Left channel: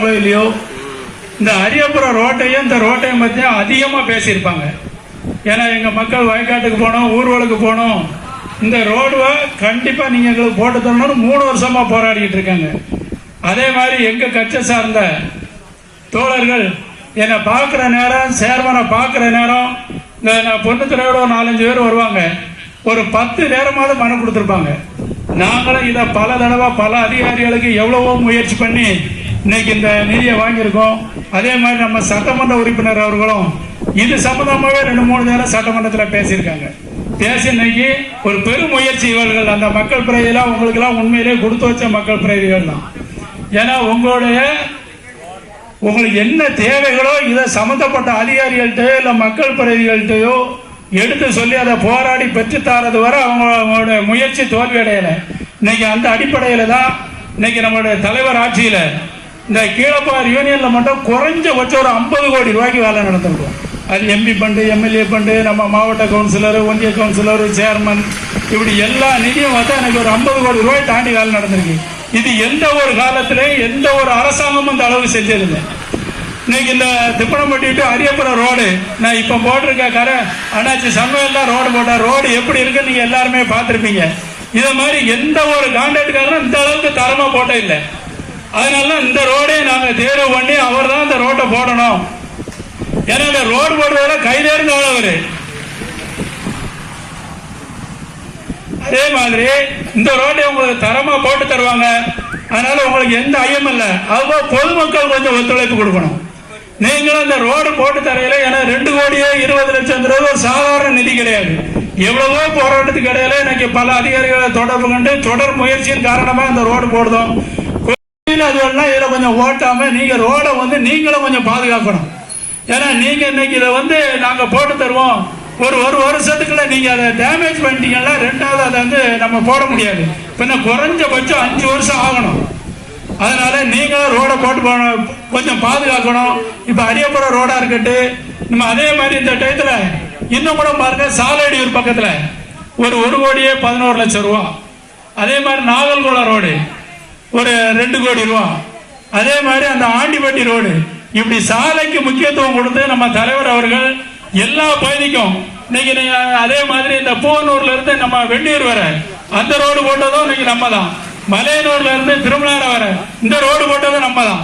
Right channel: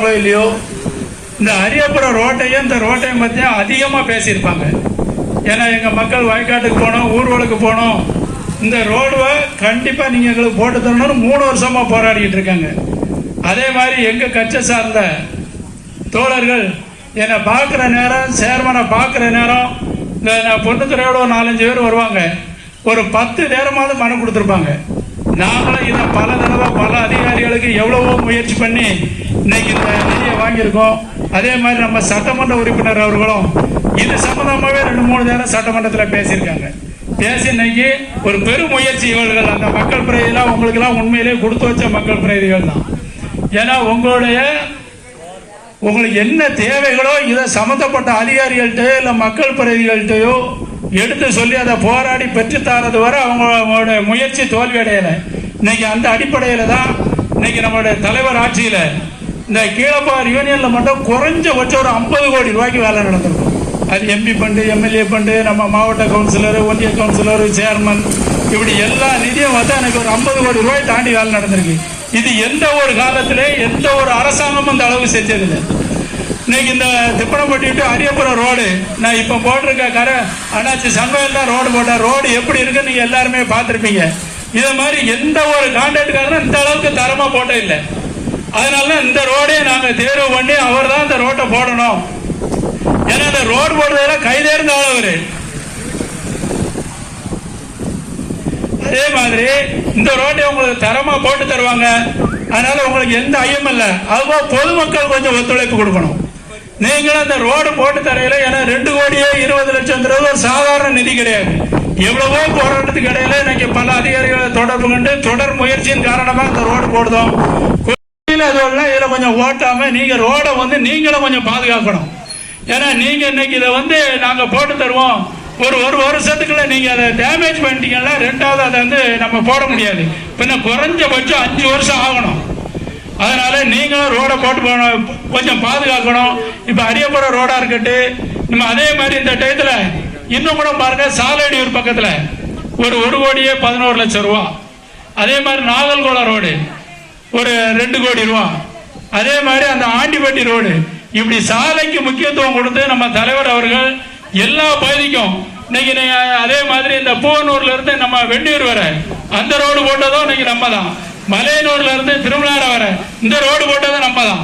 பேசுறாங்களோ இல்லையோ? இந்த அரியப்புறம் ரோட்டையும் இந்த ரோட்டையும் பற்றியும் அதிகமாக பேசியிருப்பாங்க. ஏன்னா எங்கள் மக்கள் வயக்காட்டுக்கு போனோம் ஊர்வலுக்கு போனோம். இந்த ரோடுவை கண்டிப்பாக நீங்கள் எங்களுக்கு போட்டு தரணும்னு மூணு வருஷமாக போராடிக்கிட்டு இருக்காங்க. அதே மாதிரி எங்கள் கட்சி சார்ந்த தோழர்கள் என்னை பார்க்குற நேரம் சேர்மனை பார்க்குற நேரம் இந்த பொண்ணுத்துறையோட ஒரு நாலஞ்சு பேர் வருவாங்க. ஒரு பத்து நேரமாவது மனு கொடுத்துருப்பாங்க. நாங்களும் இதை பல தடவை பல அதிகாரிகளுக்கு எவ்வளவோ முயற்சி பண்ணி இன்னைக்கு இந்த நிதியை வாங்கியிருக்கோம். அதே மாதிரி நம்ம சட்டமன்ற உறுப்பினர் அவர்களும் இது சம்பந்தமாகவே ரெண்டு மூணு நேரம் சட்டமன்றத்தில் பேசியிருக்காங்க. பேசி இன்னைக்கு ஒரு பெரும் முயற்சி இவர்கள். அந்த மக்கள் பிரதிலாம் உங்களுக்கெல்லாம் உண்மையிலேயே கொடுத்து வச்ச மக்கள் பிரதிகள் தான். ஏன்னா உங்களுடைய உங்களுக்கு என்ன தேவைகளோ இதை சம்மந்தப்பட்ட அதிகாரிகள்கிட்டயோ இல்லை மக்கள் பிரதிகள்கிட்டயோ எடுத்து சொல்லி அதை போராடி பெற்றுத்தாரது வரை அவங்க அவங்களோட முயற்சி தோல்வி அடையலை இன்னைக்கு அந்த அடிப்படையில் தான் இன்னைக்கு நம்மளுடைய தலைவர் ஆட்சியில் இந்த கீழப்பார் யூனியன்ல மட்டும் குறைஞ்சபட்சம் ஒரு ஐம்பது கோடி ரூபாய்க்கு வேலை நடந்திருக்கும் அது எம்பி ஃபண்டு எம்எல்ஏ ஃபண்டு நம்ம மாவட்ட கவுன்சிலர் ஒன்றிய கவுன்சிலர் சேர்மன் இப்படி எல்லா நிதியும் வந்து எனக்கு ஒரு ஐம்பது கோடி ரூபாய் தாண்டி வேலை நடந்திருக்கு. இது எந்த ஒரு காலத்திலே எந்த ஒரு அரசாங்கமும் இந்த அளவு செஞ்சதில்லை. இன்னைக்கு இந்த திப்பனம்பட்டி டு அரியபுரம் ரோடு நான் இப்போ போட்டிருக்க கரை அண்ணாச்சி சங்கம் தான் ரோடு போட்டேன் ரோடு எப்படி இருக்குன்னு நீங்கள் எல்லாருமே பார்த்துருப்பீங்க. இதை மாதிரி எந்த ஒரு கான்ட்ராக்டுக்காரரும் இந்த அளவுக்கு தரமாக போட்டே இல்லை அதனால இந்த ரோடே நாங்க தேர்வு பண்ணி அவர் தான் இந்த ரோட்டை போடணும். ஏன்னா இந்த ரோடு போடுறதுல கைதேர்ந்த ஆளவர். அதே மாதிரி இந்த ரோட்டை உங்களுக்கு தரமா போட்டு தருவாங்க. அதனால உங்களுக்கு எந்த ஐயம் இல்லை. அதுபோல் பொதுமக்கள் கொஞ்சம் ஒத்துழைப்பு கொடுக்கணும். நீங்களும் அந்த ரோடு போட்டு தரையில ஏன்னா ரெண்டு கோடியே இருபது லட்சம்ன்றது ஒரு சாதாரண நிதி கிடையாது. எவ்வளவோ போராட்டத்துக்கு இடையில இன்னைக்கு பல அதிகாரிகளை தொடர்பு கொண்டு தொடர் முயற்சியின் காரணமா இந்த ரோடு போடுதோம். கோயில் அதுவெல்லாம் இதில் கொஞ்சம் ஓட்டாமல் நீங்கள் ரோடை வந்து நீங்களும் கொஞ்சம் பாதுகாக்கணும். ஏன்னா நீங்கள் இன்னைக்கு இதை வந்து நாங்கள் போட்டு தருவோம். ஒரு ஒரு வருஷத்துக்குள்ள நீங்கள் அதை டேமேஜ் பண்ணிட்டீங்கன்னா ரெண்டாவது அதை வந்து நம்ம போட முடியாது. பின்ன குறைஞ்சபட்சம் அஞ்சு வருஷம் ஆகணும். அதனால நீங்களும் ரோடை போட்டு போகணும் கொஞ்சம் பாதுகாக்கணும். இப்போ அரியபுரம் ரோடாக இருக்கட்டு நம்ம அதே மாதிரி இந்த டயத்தில் இன்னும் கூட பாருங்க சாலையடியூர் பக்கத்தில் ஒரு ஒரு கோடியே பதினோரு லட்சம் ரூபா. அதே மாதிரி நாவல்குளம் ரோடு. ஒரு ரெண்டு கோடி ரூபா. அதே மாதிரி அந்த ஆண்டிப்பட்டி ரோடு. இப்படி சாலைக்கு முக்கியத்துவம் கொடுத்து நம்ம தலைவர் அவர்கள் எல்லா பகுதிக்கும் இன்னைக்கு நீங்க அதே மாதிரி இந்த பூவனூர்ல இருந்து நம்ம வெண்ணீர் வர அந்த ரோடு போட்டதும் இன்னைக்கு நம்ம தான் மலையனூர்ல இருந்து திருமலார வர இந்த ரோடு போட்டதும் நம்ம தான்